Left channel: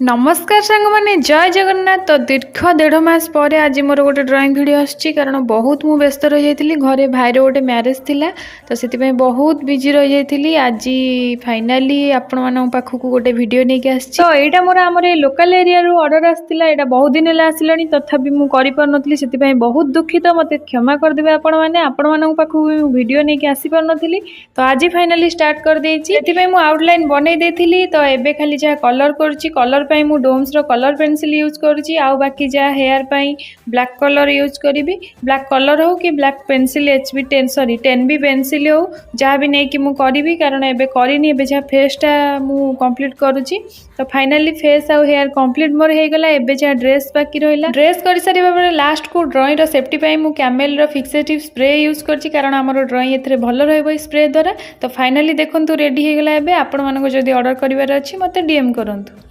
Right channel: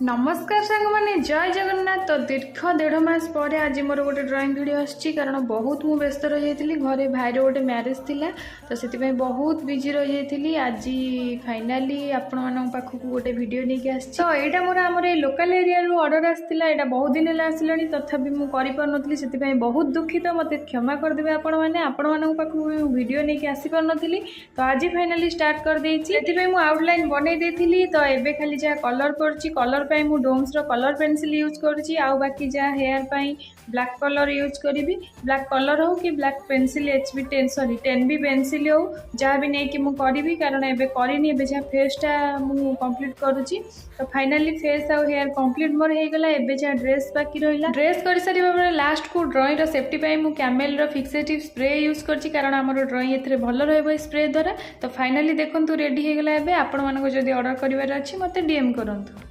नमस्कार सांग मैंने जय जगन्नाथ। तो दीर्घ 1.5 मास पर आज मोर गोटे ड्राइंग वीडियो आसची कारण बहुत मु व्यस्त रही जाइली घरे भाईर गोटे मैरेज थिला तो से बहुत बिजी रही जाइली। आज फाइनाली आपण मान पाखक गोटे वीडियो नहीं आसची। तो यहाँ मोर आम लोकल एरिया रू ऑर्डर आसला एटा बहुत दिन है आसला तथापि मुझे पार्नथी से बहुत दुखित मत क्षमा करदे आपण मैंने पाखक वीडियो नहीं आसी पार्नी। तो आज फाइनाली स्टार्ट कर देती आउटलाइन बनई देती। तो एबे खाली जहाँ कलर करछि कलर पाई मु डोम्स रो कलर पेंसिल यूज करुछि आउ बाकी जा हेयर पाई ब्लैक कलर यूज करी। ब्लैक कलर हो कि black pencil HB 10 sorry 10B pencil हो जहाँ भी नहीं कि मु करी कारण एबे करनी एबे जहाँ फेसटा मु कंप्लीट करुछि। तो फाइनाली फेस आउ हेयर कंप्लीट मोर हो गला। एबे जहाँ ड्रेस बाकी रहिला ड्रेस कर सारिबा बेले लास्ट को ड्राइंग रो सेफ्टी पाई मु कैमेल रो फिक्सेटिव स्प्रे यूज करछि कारण हमर ड्राइंग एथरे भलो रहबो स्प्रे द्वारा। तो फाइनाली देखंतु रेडी हो गला। एबे आपण मानको जदी ऑर्डर करिवार अछि मते डीएम करंतु।